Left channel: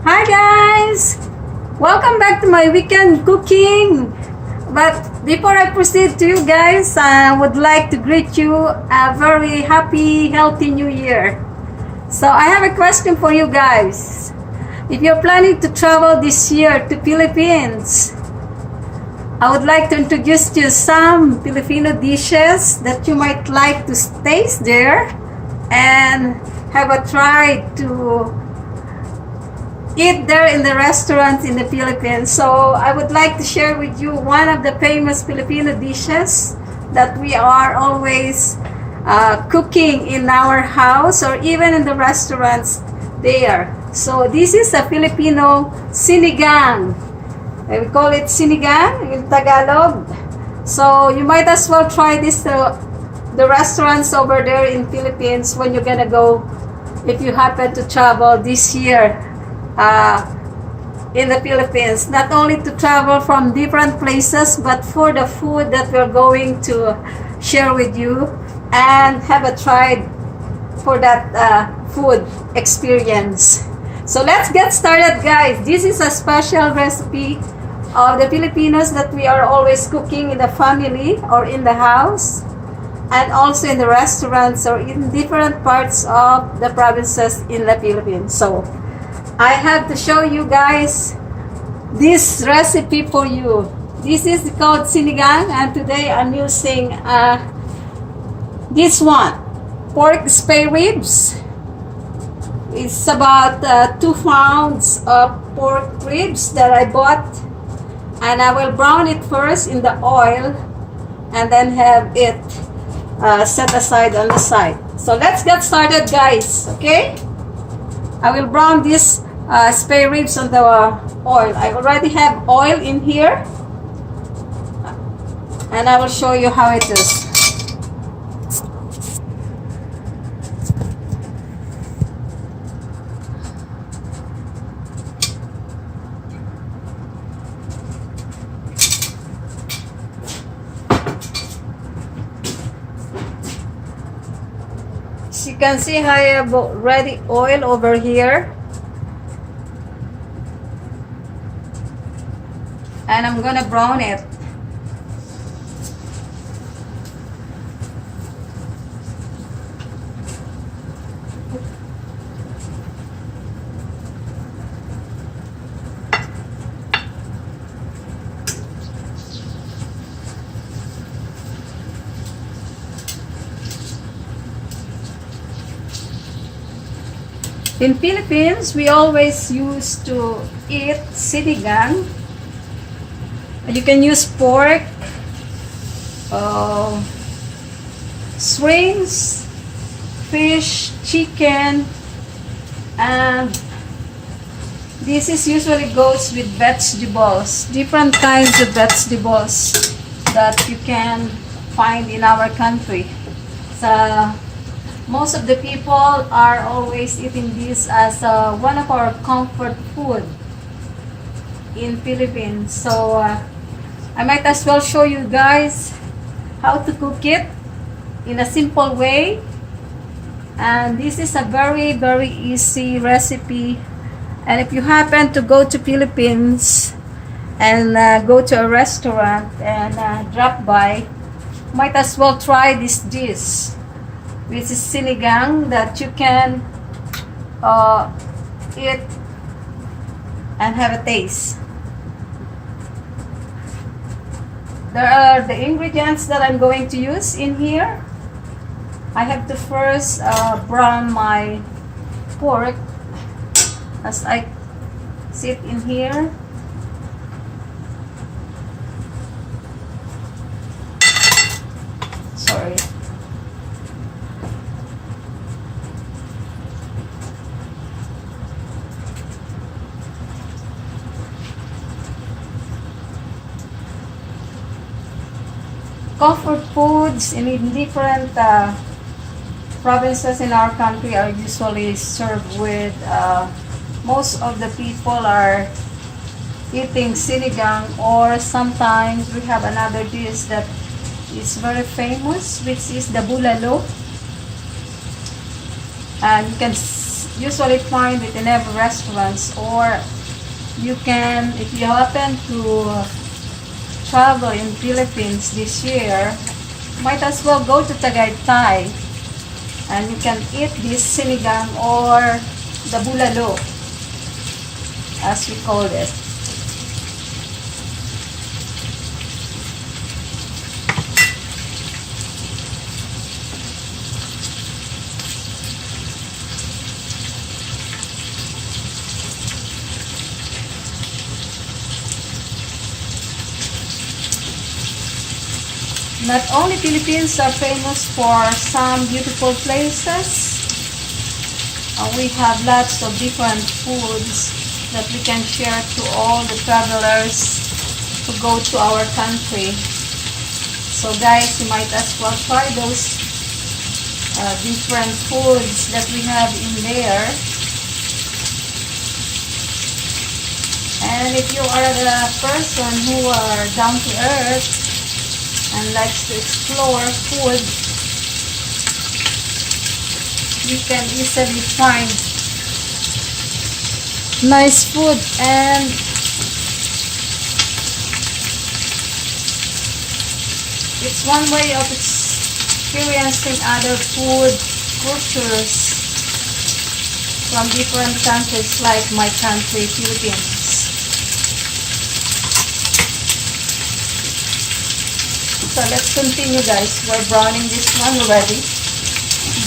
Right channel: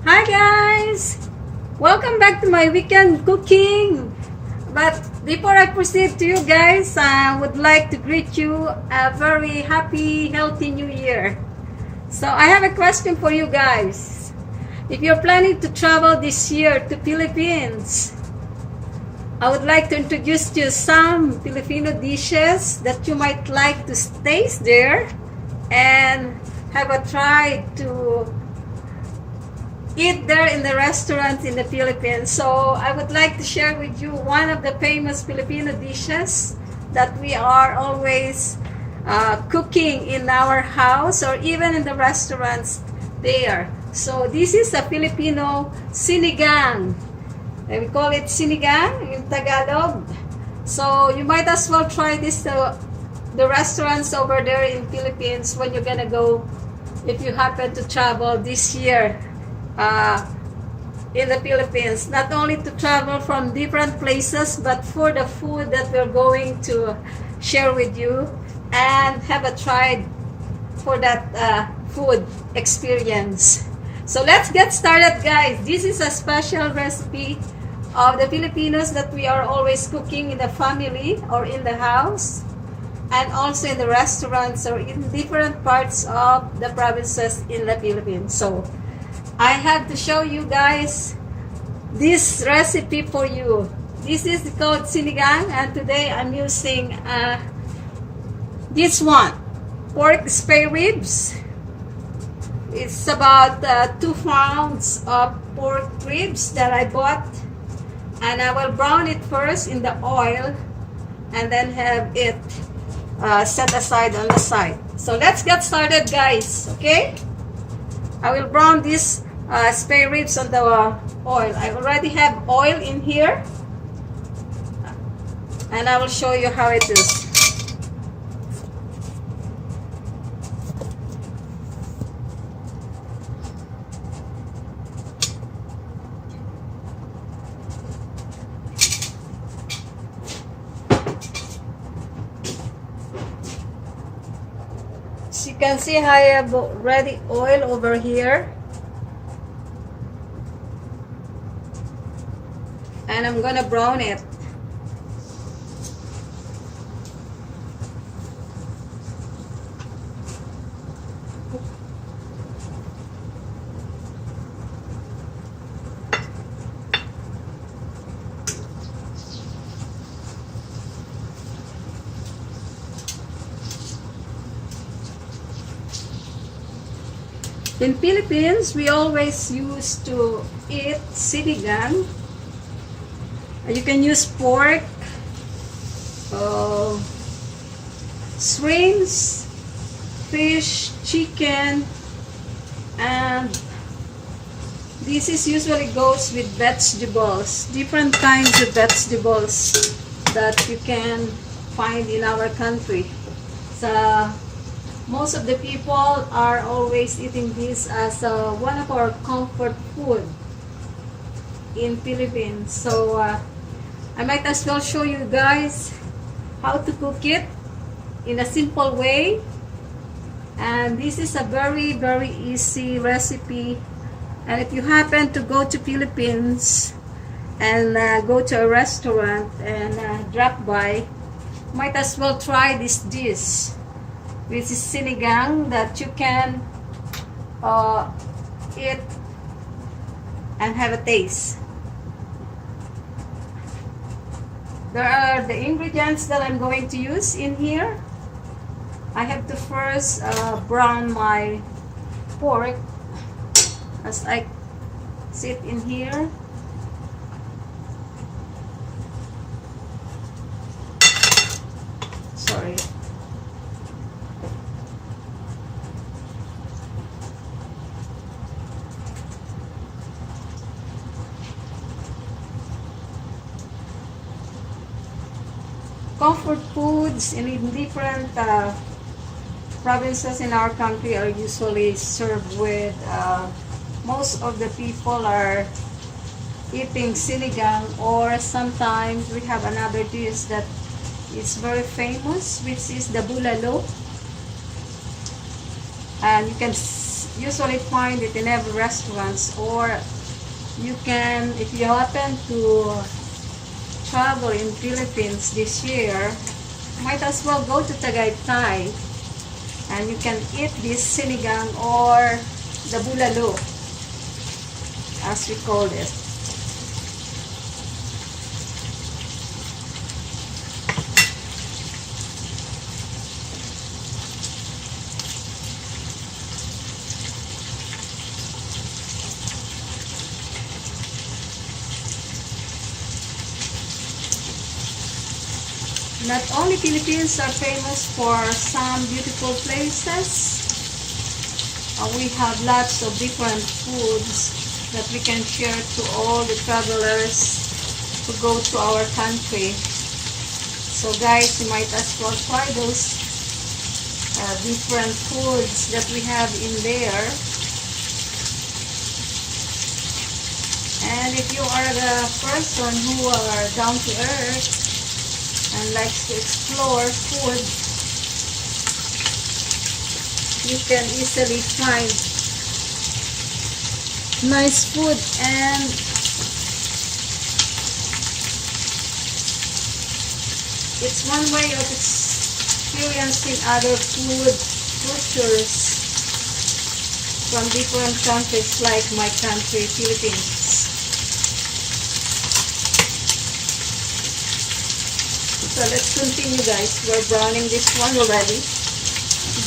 Hi guys! Welcome back to my weekend cooking. But before I proceed to you guys, I would like to greet you a very happy, healthy new year. So I have a question for you guys. If you're planning to travel this year to Philippines, I would like to introduce you some Filipino dishes that you might like to taste there and have a try to eat there in the restaurants in the Philippines. So I would like to share with you one of the famous Filipino dishes that we are always cooking in our house or even in the restaurants there. So this is a Filipino sinigang. We call it sinigang in Tagalog. So you might as well try this the restaurants over there in Philippines when you're gonna go, if you happen to travel this year in the Philippines. Not only to travel from different places, but for the food that we're going to share with you and have a try for that food experience. So let's get started, guys. This is a special recipe of the Filipinos that we are always cooking in the family or in the house, and also in the restaurants or in different parts of the provinces in the Philippines. So I have to show you guys this recipe for you. This is called sinigang, and today I'm using this one, pork spare ribs. It's about 2 pounds of pork ribs that I bought, and I will brown it first in the oil and then have it set aside on the side. So let's get started, guys. Okay, I will brown this spare ribs on the oil. I already have oil in here, and I will show you how it is. As you can see, I have already oil over here, and I'm gonna brown it. In Philippines, we always used to eat sinigang. You can use pork, shrimps, fish, chicken, and this is usually goes with vegetables, different kinds of vegetables that you can find in our country. So most of the people are always eating this as one of our comfort food in Philippines. So I might as well show you guys how to cook it in a simple way. And this is a very, very easy recipe. And if you happen to go to Philippines and go to a restaurant and drop by, might as well try this dish. This is sinigang that you can eat and have a taste. There are the ingredients that I'm going to use in here. I have to first brown my pork as I sit in here. Sorry. Comfort foods in different provinces in our country are usually served with, most of the people are eating sinigang, or sometimes we have another dish that is very famous, which is the bulalo. And usually find it in every restaurants, or you can, if you happen to travel in Philippines this year, might as well go to Tagaytay and you can eat this sinigang or the bulalo as we call it. Not only Philippines are famous for some beautiful places, we have lots of different foods that we can share to all the travelers who go to our country. So guys, you might as well try those different foods that we have in there. And if you are the person who are down to earth and likes to explore food, you can easily find nice food, and it's one way of experiencing other food cultures from different countries like my country, Philippines. So let's continue, guys. We're browning this one already.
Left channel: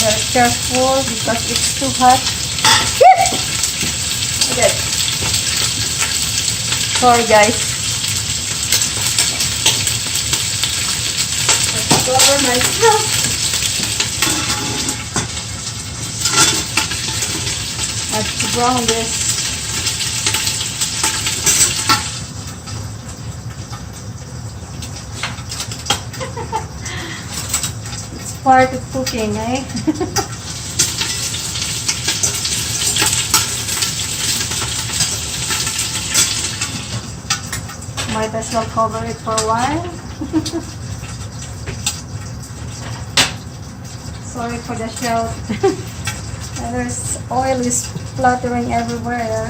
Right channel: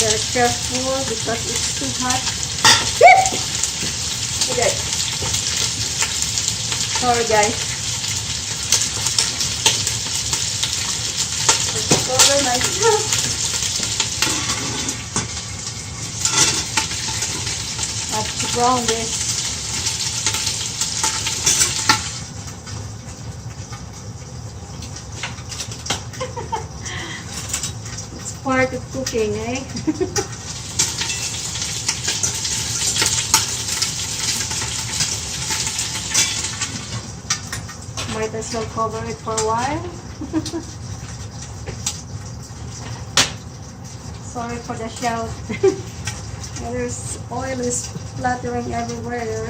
Very careful because it's too hot. Okay. Sorry, guys. Let's cover myself. I have to brown this. Part of cooking, eh? Might as well cover it for a while. Sorry for the shout. There's oil is splattering everywhere.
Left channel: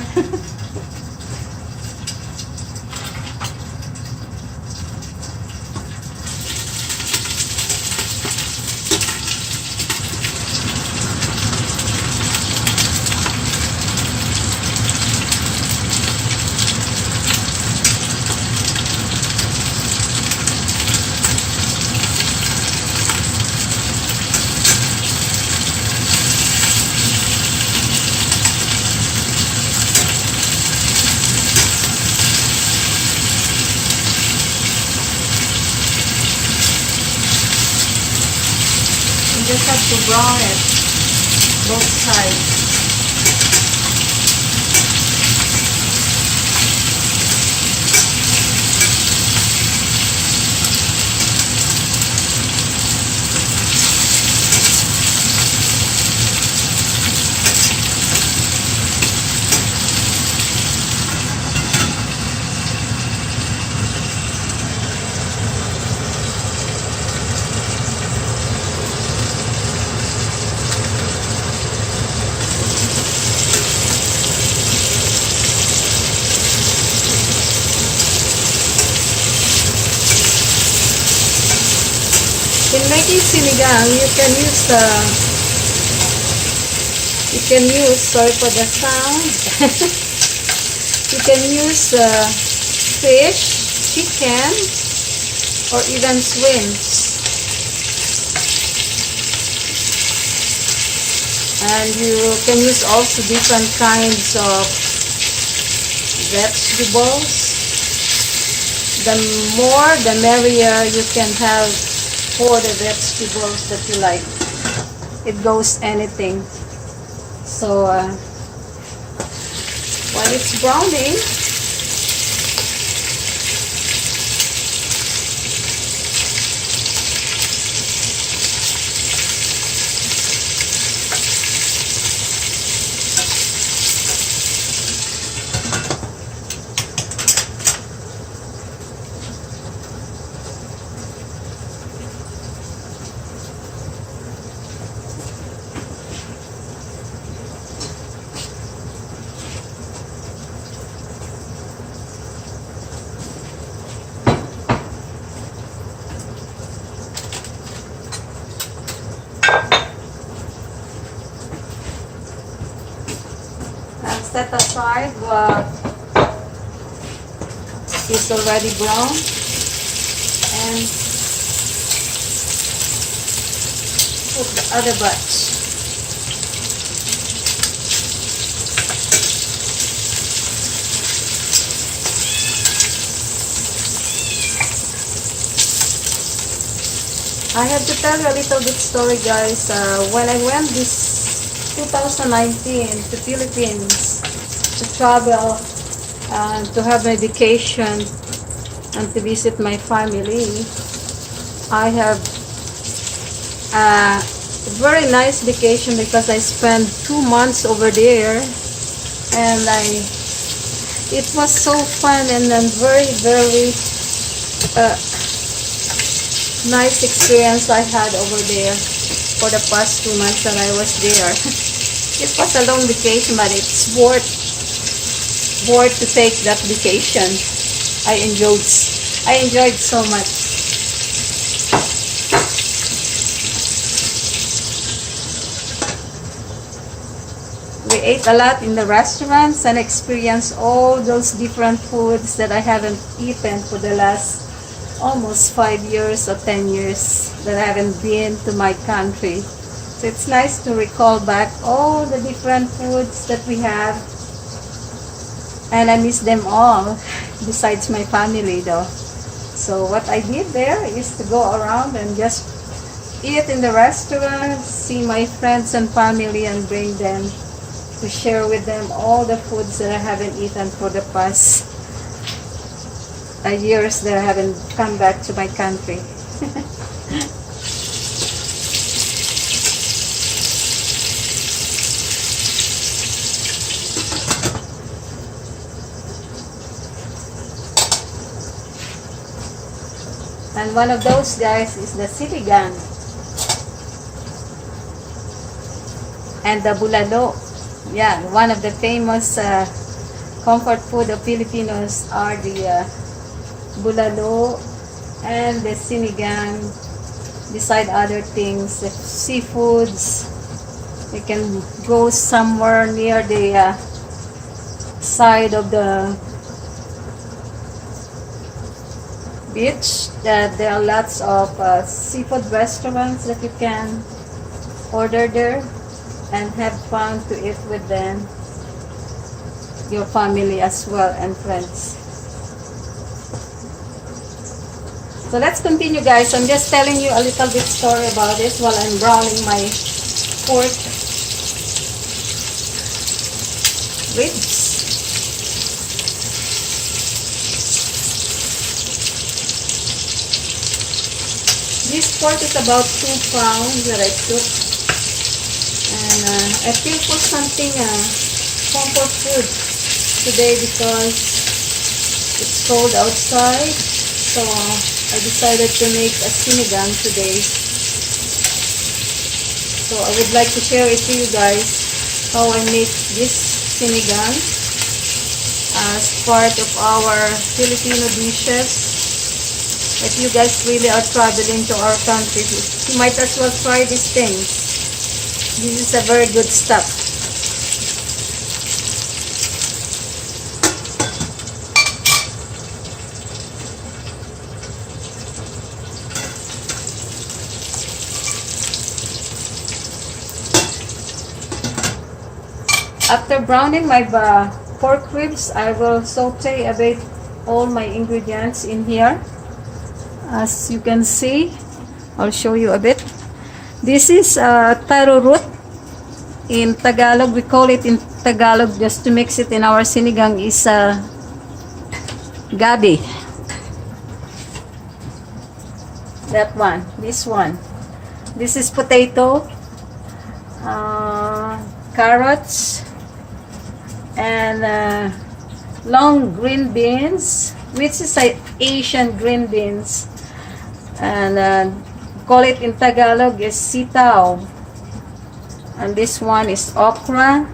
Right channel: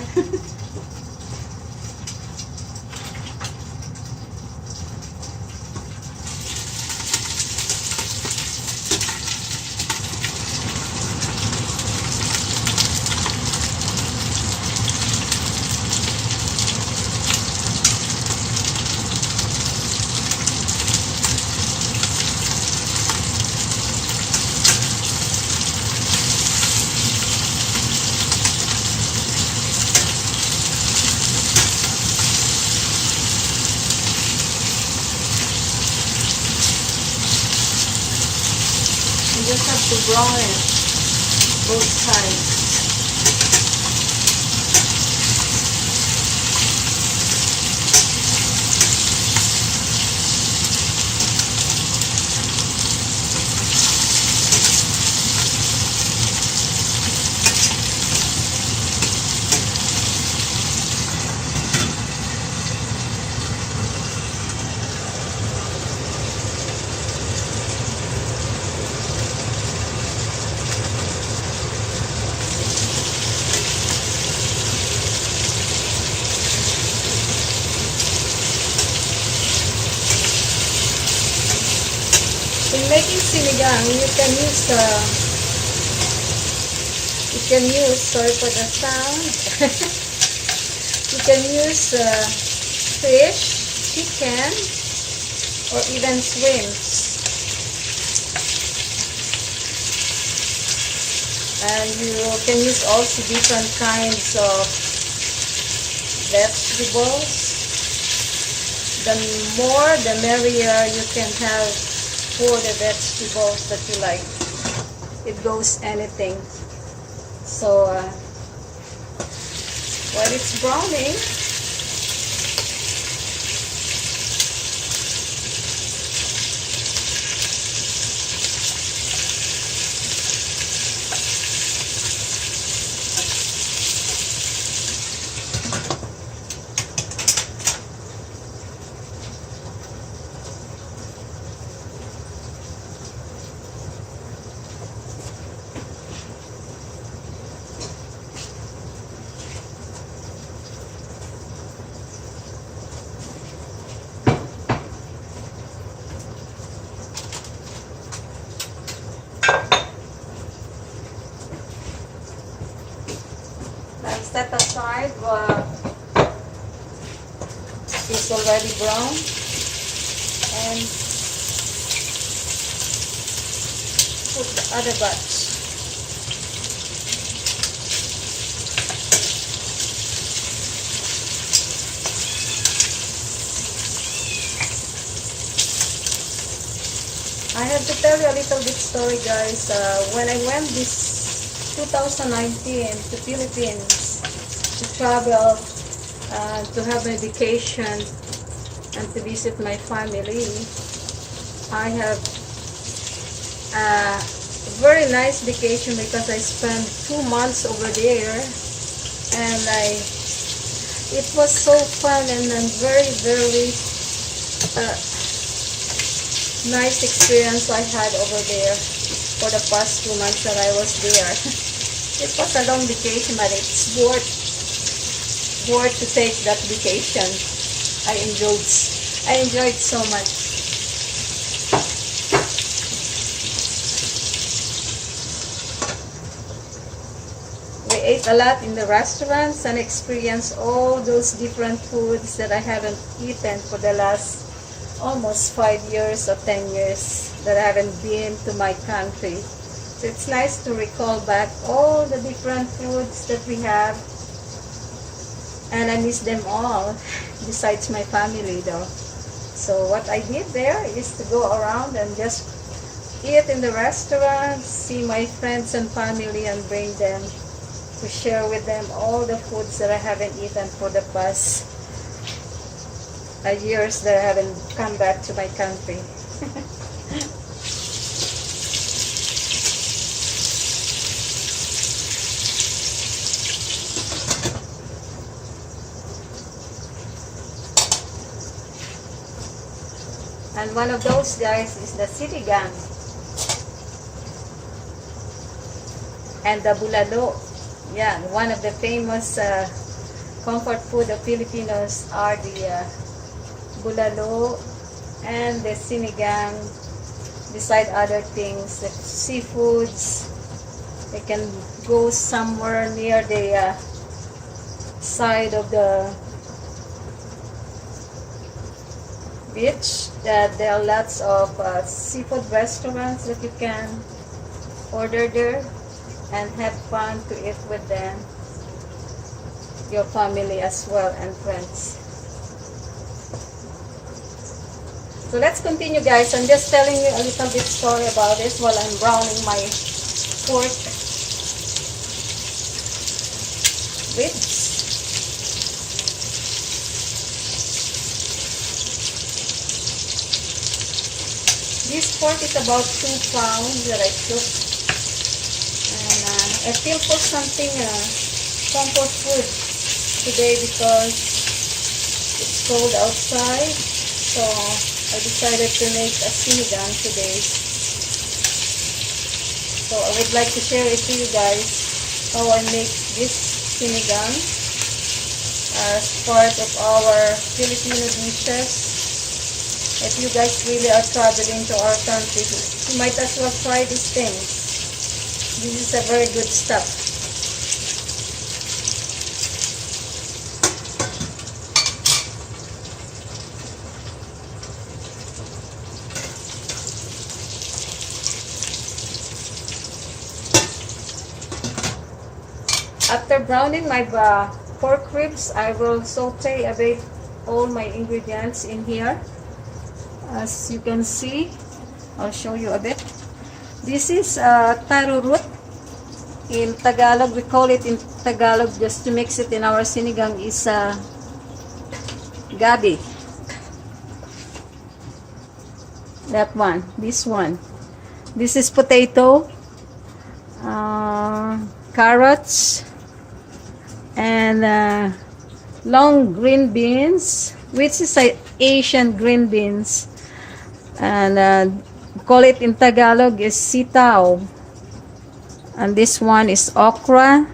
You just have to brown it, both sides. In making sinigang, you can use, sorry for the sound, you can use fish, chicken, or even shrimps. And you can use also different kinds of vegetables. The more, the merrier you can have for the vegetables that you like. It goes anything. So while it's browning, set aside it's already brown, and put the other batch. I have to tell you a little bit story, guys. When I went this 2019 to Philippines to travel, to have my vacation and to visit my family, I have a very nice vacation because I spent 2 months over there, and it was so fun and very, very nice experience I had over there for the past 2 months that I was there. It was a long vacation, but it's worth to take that vacation. I enjoyed so much. We ate a lot in the restaurants and experienced all those different foods that I haven't eaten for the last almost 5 years or 10 years that I haven't been to my country. So it's nice to recall back all the different foods that we have, and I miss them all besides my family though. So what I did there is to go around and just eat in the restaurants, see my friends and family, and bring them to share with them all the foods that I haven't eaten for the past years that I haven't come back to my country. And one of those guys is the Sinigang and the bulalo. Yeah, one of the famous comfort food of Filipinos are the bulalo and the sinigang, beside other things, the seafoods. You can go somewhere near the side of the beach. There are lots of seafood restaurants that you can order there and have fun to eat with them, your family as well, and friends. So let's continue, guys. I'm just telling you a little bit story about this while I'm browning my pork ribs. This pork is about 2 pounds that I took, and I feel for something comfort food today because it's cold outside, so I decided to make a sinigang today. So I would like to share it to you guys how I make this sinigang as part of our Filipino dishes. If you guys really are traveling to our country, you might as well try these things. This is a very good stuff. After browning my pork ribs, I will saute a bit all my ingredients in here. As you can see, I'll show you a bit. This is taro root. In Tagalog, we call it in Tagalog, just to mix it in our sinigang, is gabi. That one, this one. This is potato, carrots, and long green beans, which is Asian green beans, and call it in Tagalog is sitaw. And this one is okra,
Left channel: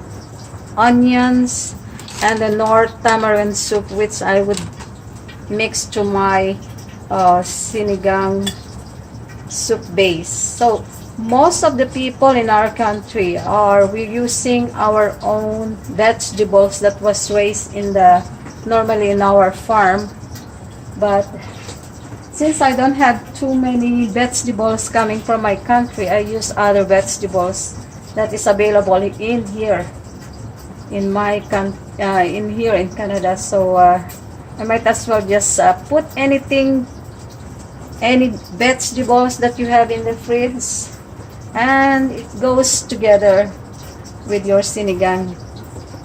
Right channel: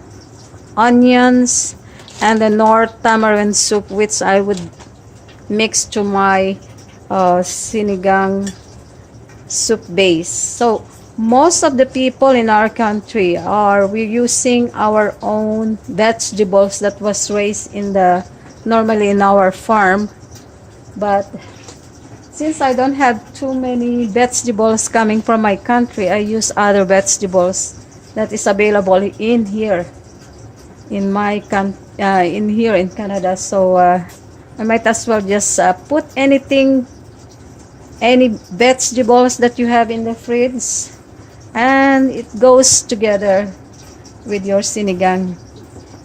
onions, and the North tamarind soup, which I would mix to my sinigang soup base. So most of the people in our country are we using our own vegetables that was raised in the normally in our farm. But since I don't have too many vegetables coming from my country, I use other vegetables that is available in here in my in here in Canada. So I might as well just put anything, any vegetables that you have in the fridge, and it goes together with your sinigang.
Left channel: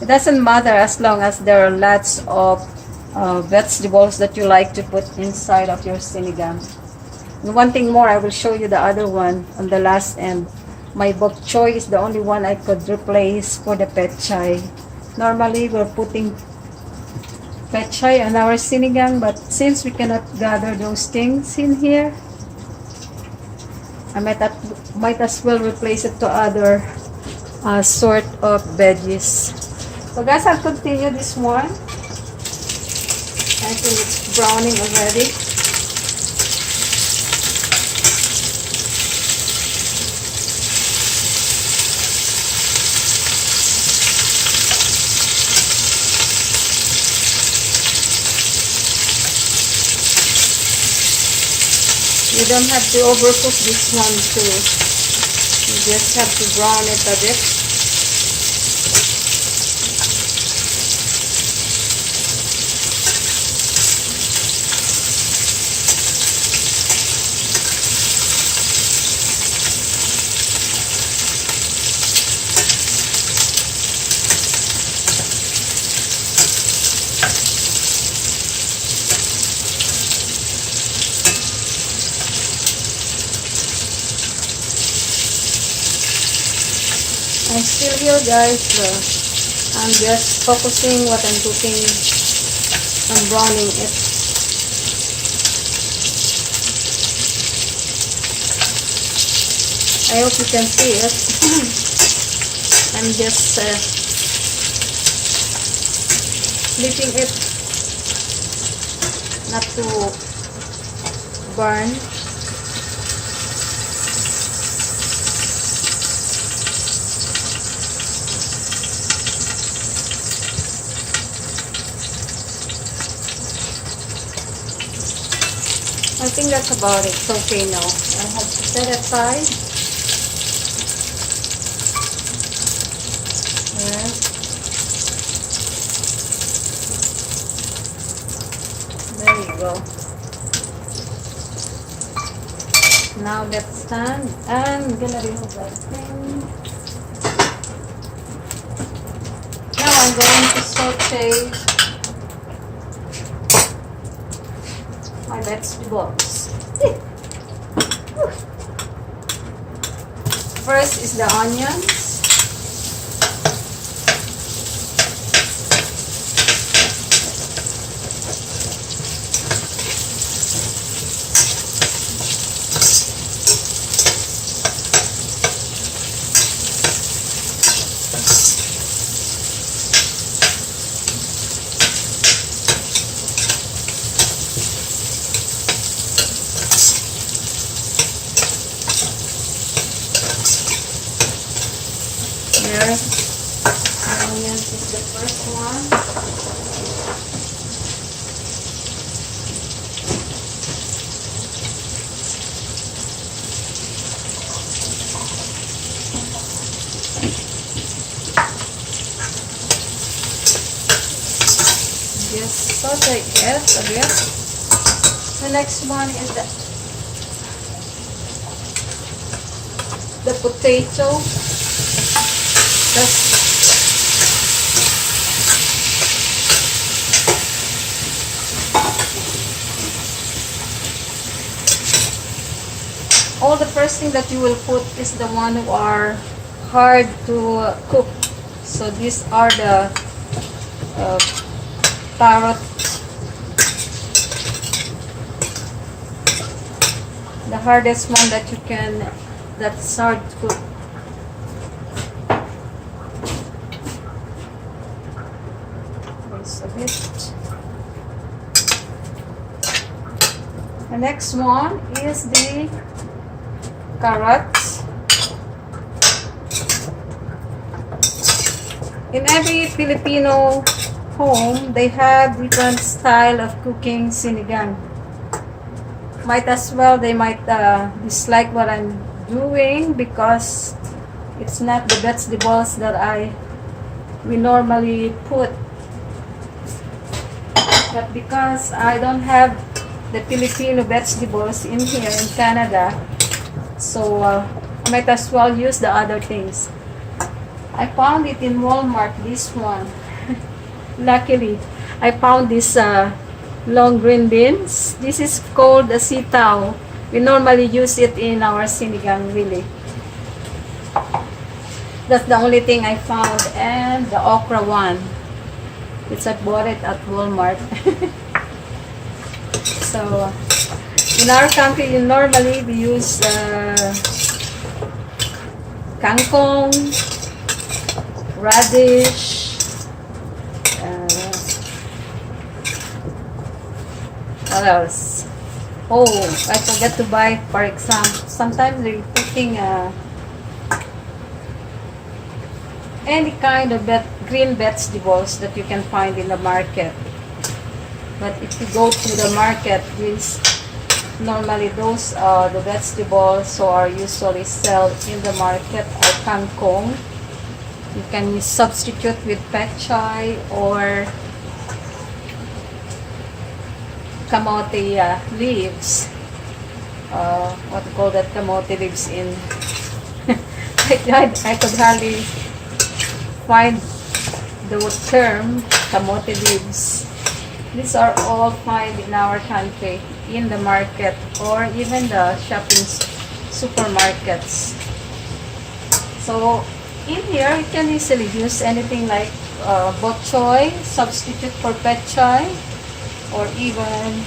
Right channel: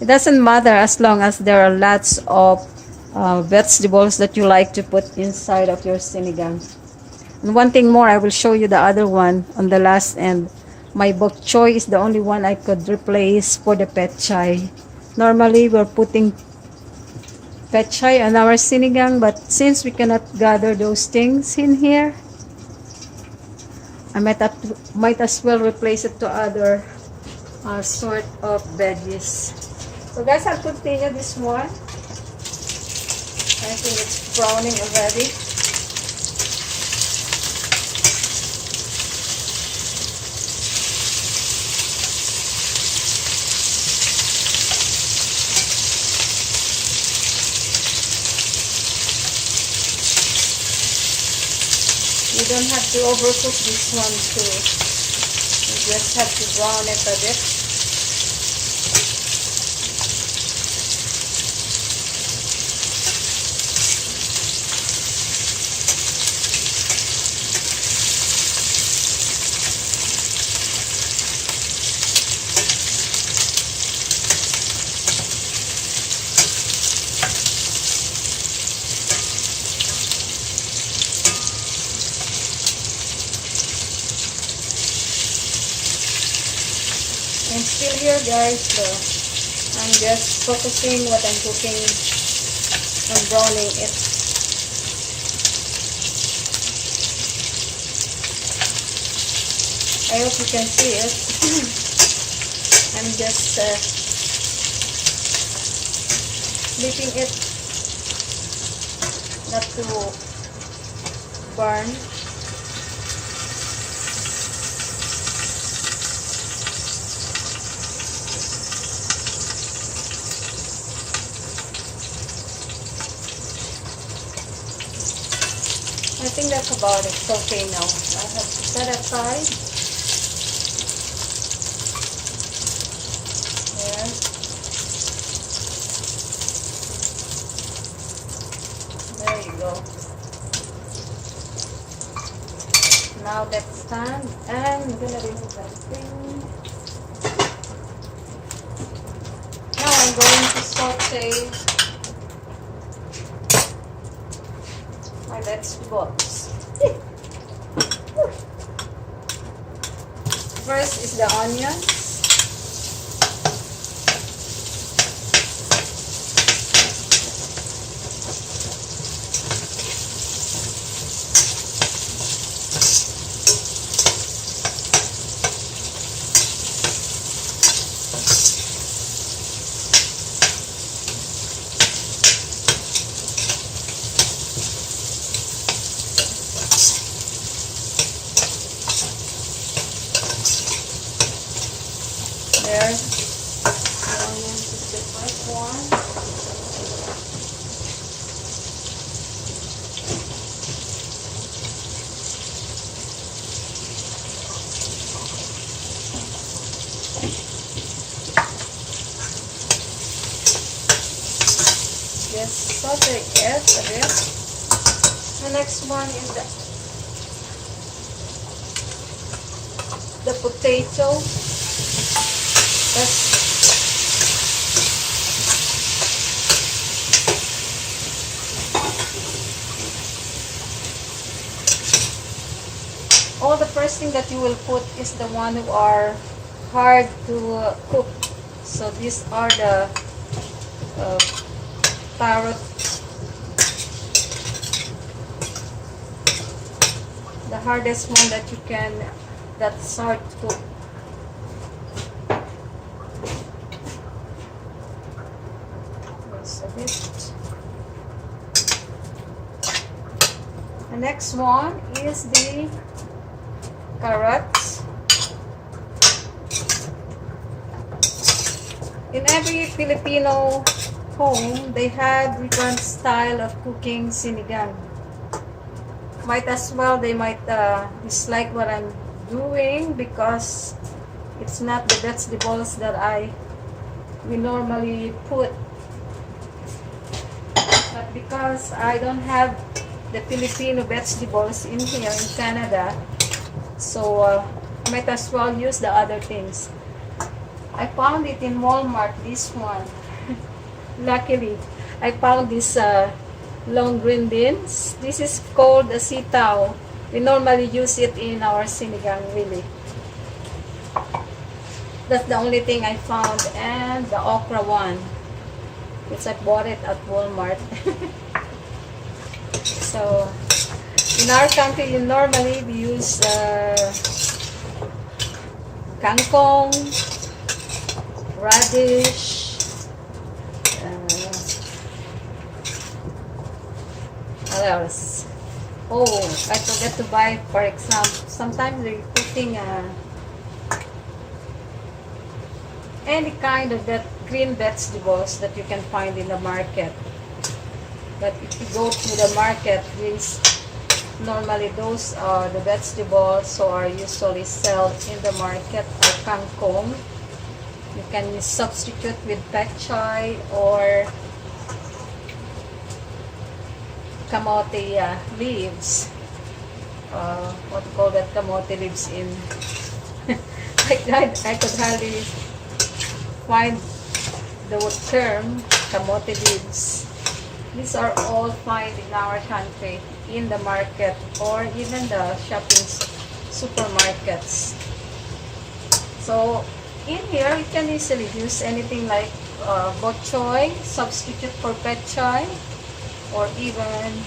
It doesn't matter as long as there are lots of vegetables that you like to put inside of your sinigang. And one thing more, I will show you the other one on the last end. My bok choy is the only one I could replace for the pechay. Normally we're putting pechay on our sinigang, but since we cannot gather those things in here, I might as well replace it to other sort of veggies. So guys, I'll continue this one. I think it's browning already. You don't have to overcook this one too. You just have to brown it a bit. I'm still here guys, I'm just focusing what I'm cooking. I'm browning it. I hope you can see it. I'm just flipping it not to burn. I think that's about it. It's okay now. I have to set it aside. There. There you go. Now that's done. And I'm gonna remove that thing. Now I'm going to saute my vegetables. First is the onions. There, onions is the first one. Just saute it a bit. The next one is the potato. All the first thing that you will put is the one who are hard to cook. So these are the carrot, the hardest one that you can, that's hard to cook. A bit. The next one is the carrots. in every Filipino home, they have different style of cooking sinigang. Might as well, they might dislike what I'm doing because it's not the vegetables that we normally put. But because I don't have the Filipino vegetables in here in Canada, so I might as well use the other things. I found it in Walmart, this one. Luckily, I found this long green beans. This is called a sitaw. We normally use it in our sinigang, really. That's the only thing I found. And the okra one. I bought it at Walmart. So, in our country, normally we use kangkong, radish, what else? Oh, I forgot to buy, for example, sometimes they're cooking any kind of green vegetables that you can find in the market. But if you go to the market, normally those are the vegetables so are usually sold in the market are kangkong. You can substitute with pechay or kamote leaves. What do you call that? Kamote leaves in I could hardly find the term kamote leaves. These are all found in our country in the market or even the shopping supermarkets. So in here you can easily use anything like bok choy, substitute for pechay, or even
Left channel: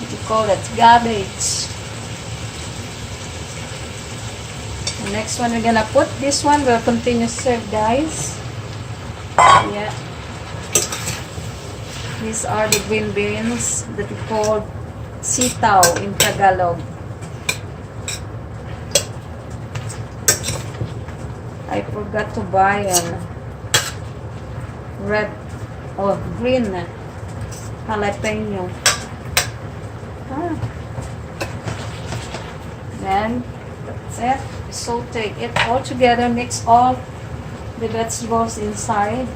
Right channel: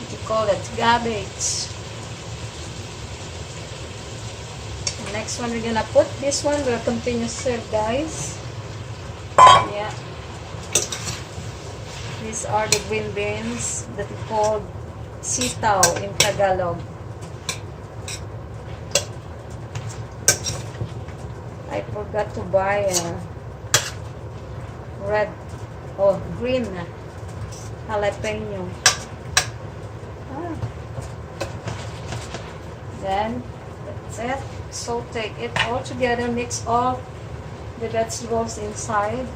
what you call it, cabbage. The next one we're gonna put this one. We'll continue to serve, guys. Yeah. These are the green beans that we call sitaw in Tagalog. I forgot to buy red or green jalapeno. Then that's it. Saute it all together. Mix all the vegetables inside.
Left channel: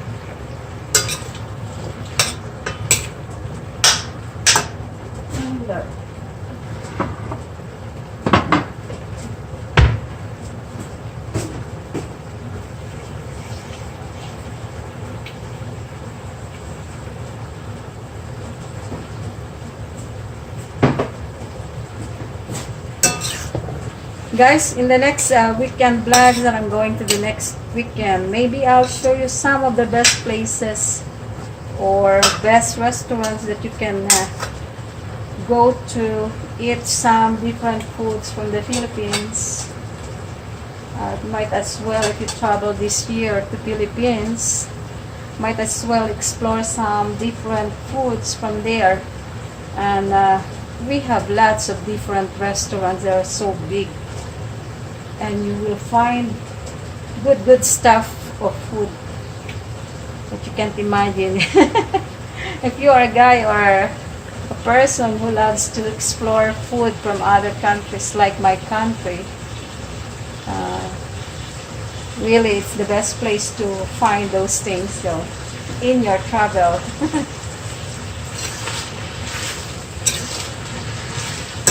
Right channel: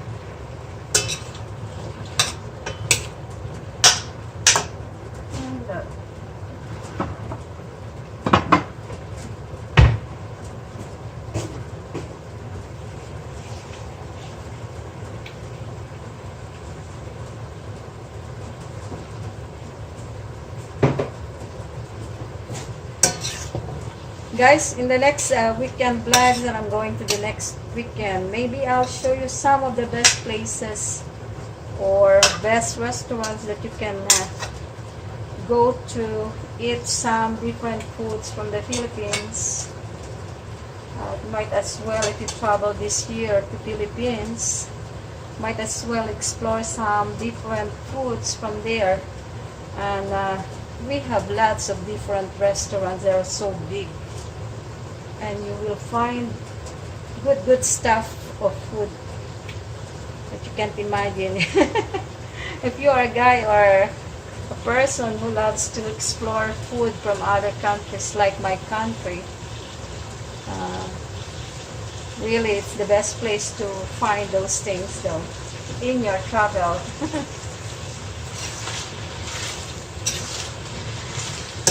Guys, in the next weekend vlogs that I'm going to the next weekend, maybe I'll show you some of the best places or best restaurants that you can go to eat some different foods from the Philippines. Might as well, if you travel this year to Philippines, might as well explore some different foods from there. And we have lots of different restaurants that are so big. And you will find good stuff of food that you can't imagine. If you are a guy or a person who loves to explore food from other countries like my country, really it's the best place to find those things though in your travel.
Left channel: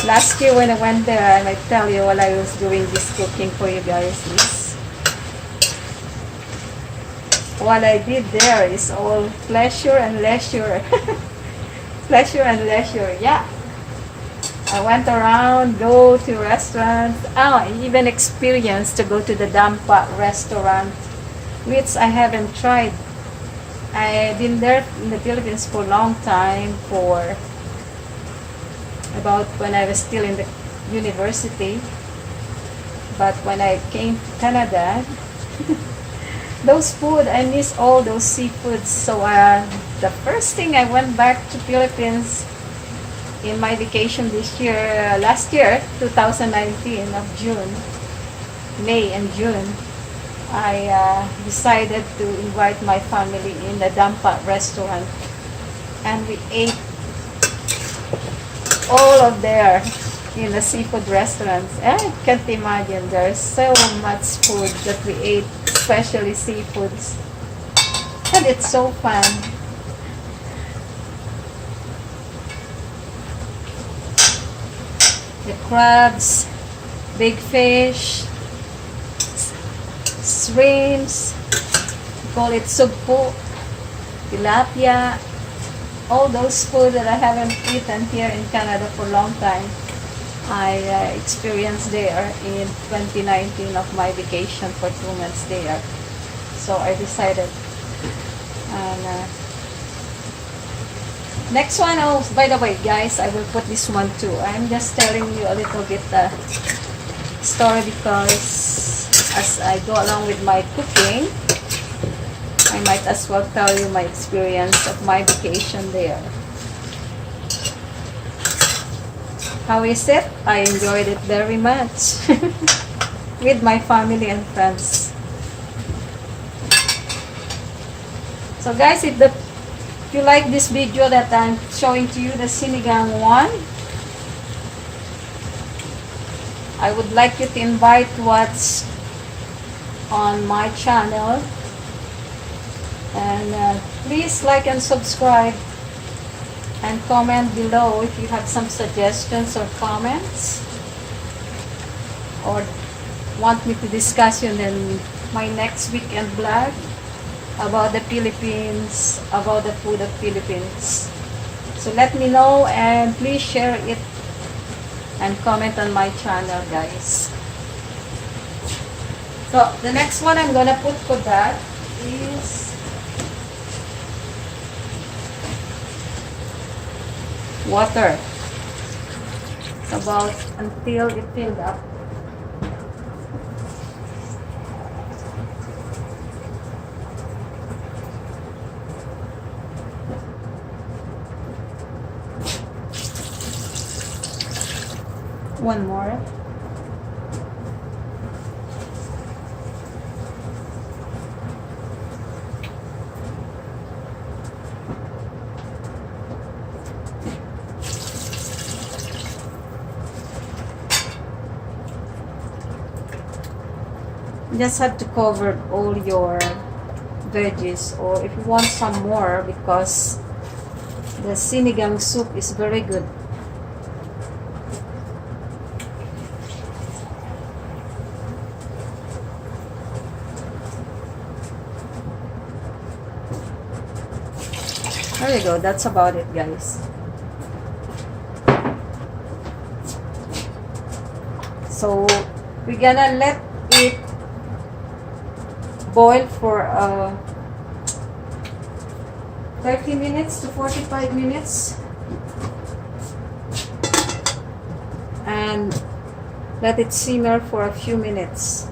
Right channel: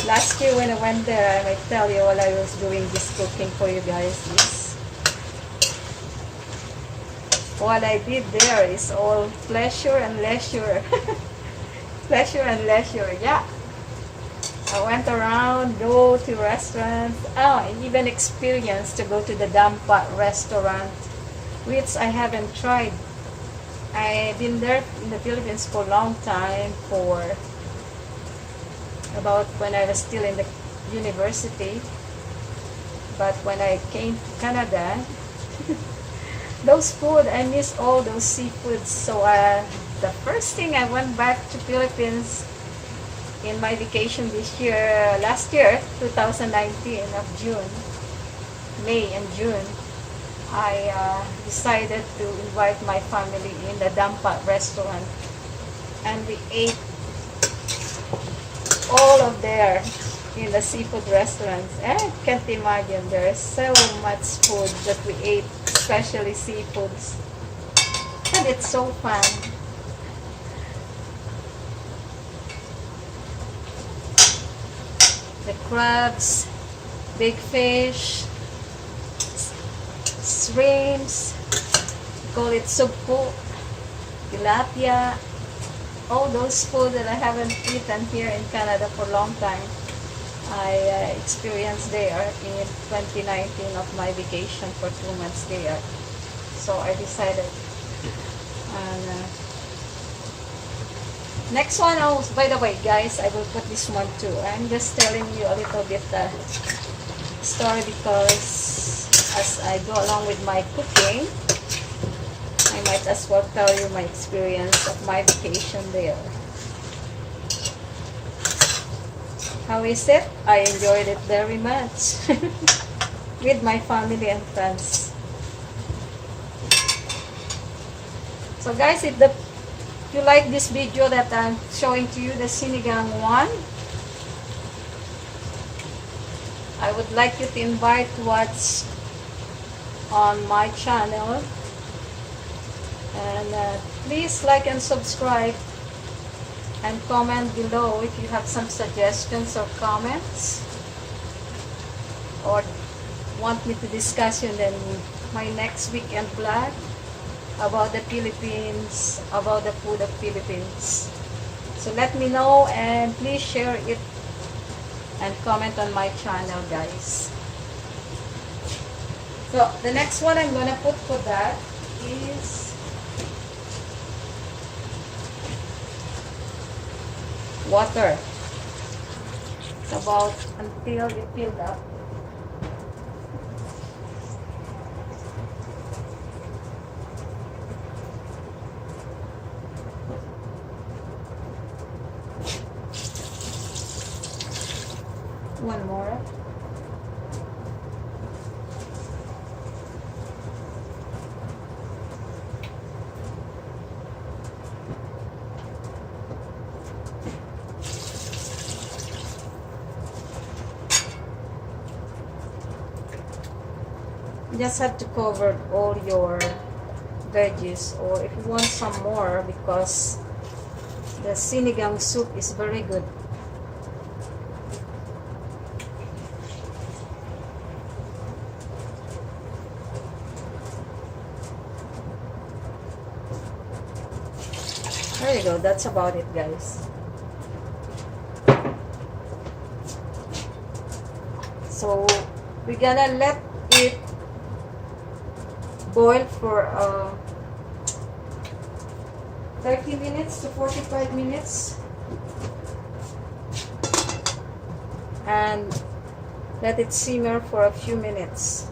Last year when I went there, I might tell you while I was doing this cooking for you guys, what I did there is all pleasure and leisure. Pleasure and leisure, yeah. I went around, go to restaurants. I even experienced to go to the Dampa restaurant, which I haven't tried. I've been there in the Philippines for a long time, for about when I was still in the university. But when I came to Canada, those food, I miss all those seafoods. So the first thing I went back to Philippines in my vacation this year, last year, 2019 of June, May and June, I decided to invite my family in the Dampa restaurant, and we ate all of there in the seafood restaurants. And I can't imagine, there's so much food that we ate, especially seafoods, and it's so fun. The crabs, big fish, shrimps, we call it sugpo, tilapia, all those food that I haven't eaten here in Canada for a long time. I experienced there in 2019 of my vacation for 2 months there. So I decided. And next one, oh, by the way, guys, I will put this one too. I'm just telling you a little bit story, because as I go along with my cooking, I might as well tell you my experience of my vacation there. How is it? I enjoyed it very much with my family and friends. So guys, if you like this video that I'm showing to you, the Sinigang one, I would like you to invite what's on my channel, and please like and subscribe, and comment below if you have some suggestions or comments, or want me to discuss in my next weekend vlog about the Philippines, about the food of Philippines. So let me know, and please share it and comment on my channel, guys. So the next one I'm gonna put for that is water. It's about until it filled up. One more. You just have to cover all your veggies, or if you want some more, because the sinigang soup is very good. There you go, that's about it, guys. So we're gonna let it boil for 30 minutes to 45 minutes, and let it simmer for a few minutes.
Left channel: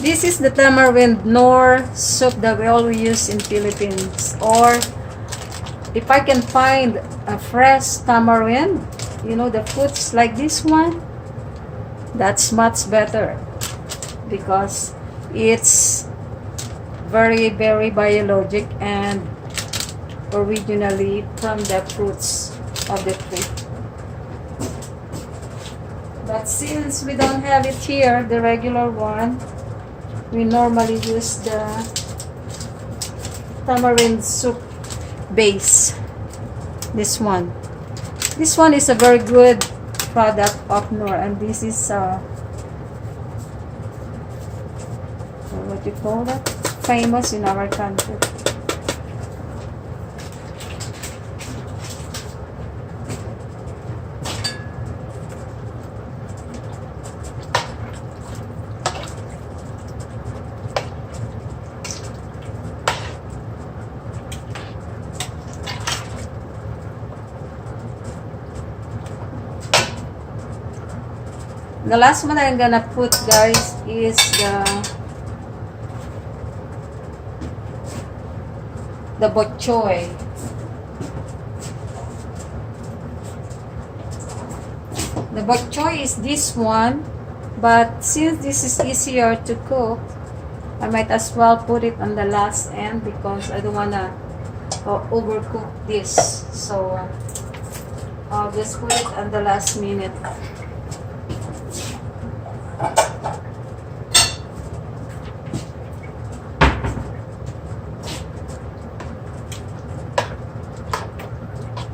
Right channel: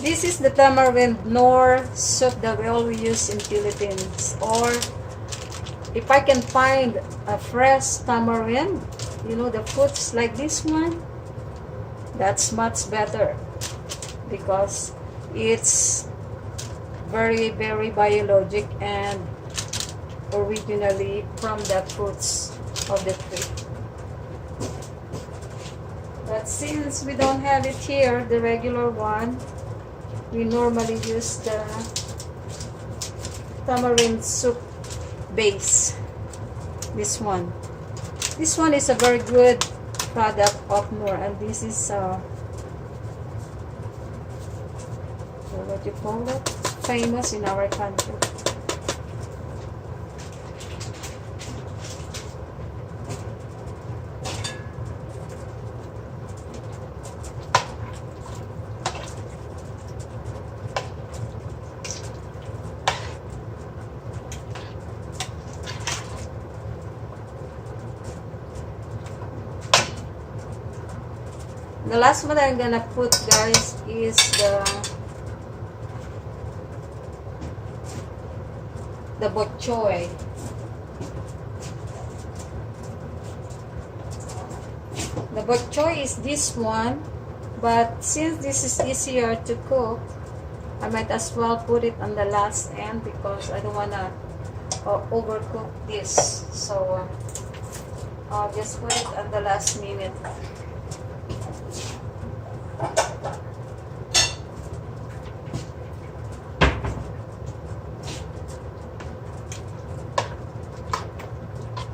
This is the tamarind nor soup that we always use in Philippines. Or if I can find a fresh tamarind, you know, the fruits like this one, that's much better, because it's very, very biologic and originally from the fruits of the tree. But since we don't have it here, the regular one, we normally use the tamarind soup base. This one is a very good product of Knorr, and this is what you call that, famous in our country. The last one I'm gonna put, guys, is the the bok choy. The bok choy is this one, but since this is easier to cook, I might as well put it on the last end because I don't wanna overcook this. So I'll just put it on the last minute.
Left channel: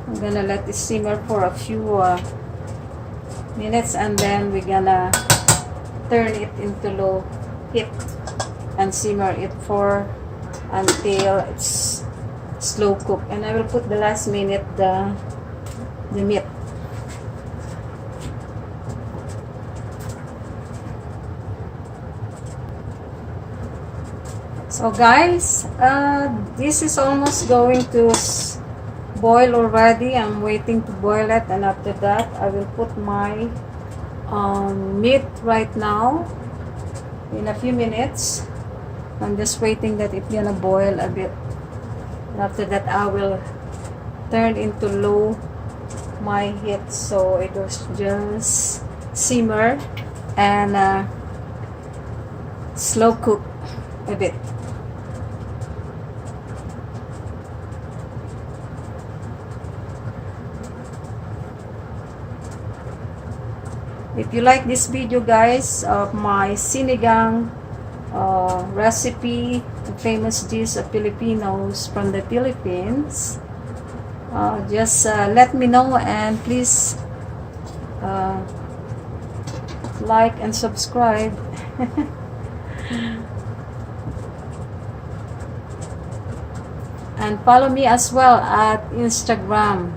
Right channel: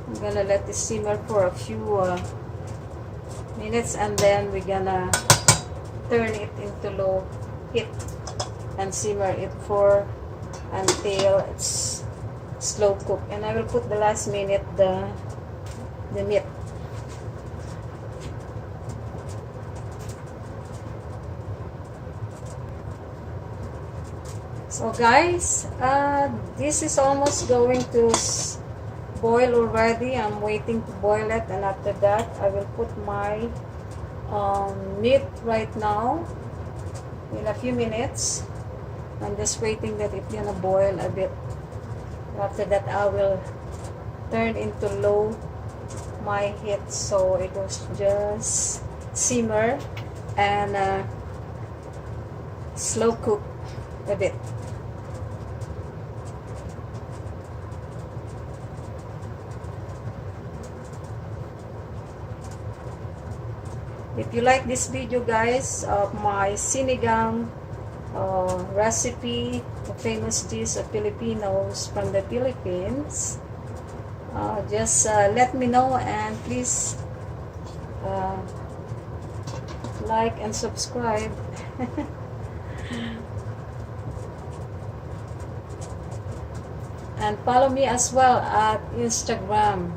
I'm gonna let it simmer for a few minutes, and then we're gonna turn it into low heat and simmer it for until it's slow cook. And I will put the last minute the meat. So guys, this is almost going to boil already. I'm waiting to boil it, and after that I will put my meat right now in a few minutes. I'm just waiting that it's gonna boil a bit, and after that I will turn into low my heat so it will just simmer and slow cook a bit. If you like this video guys of my sinigang recipe, the famous dish of Filipinos from the Philippines, just let me know, and please like and subscribe. And follow me as well at Instagram.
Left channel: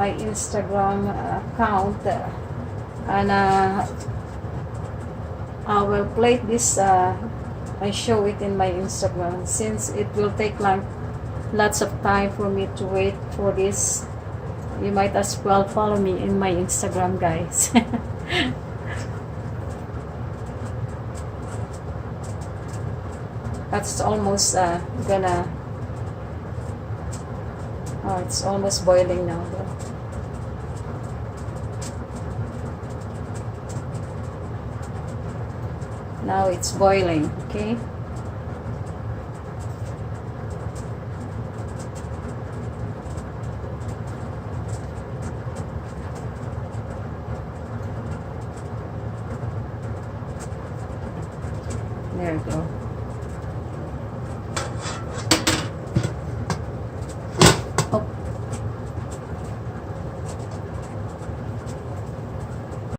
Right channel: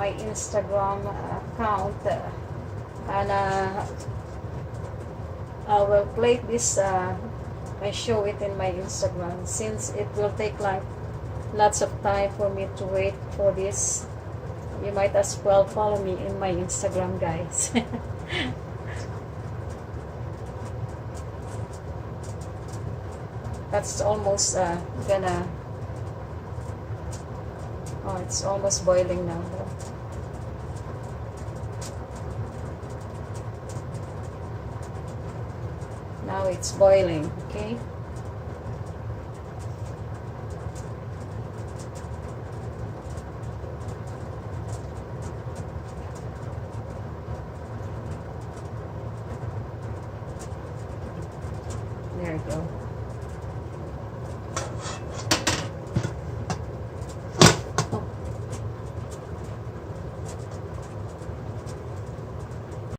My Instagram account, and I will play this I show it in my Instagram, since it will take like lots of time for me to wait for this. You might as well follow me in my Instagram guys. That's almost gonna it's almost boiling now. Now it's boiling, okay? There we go.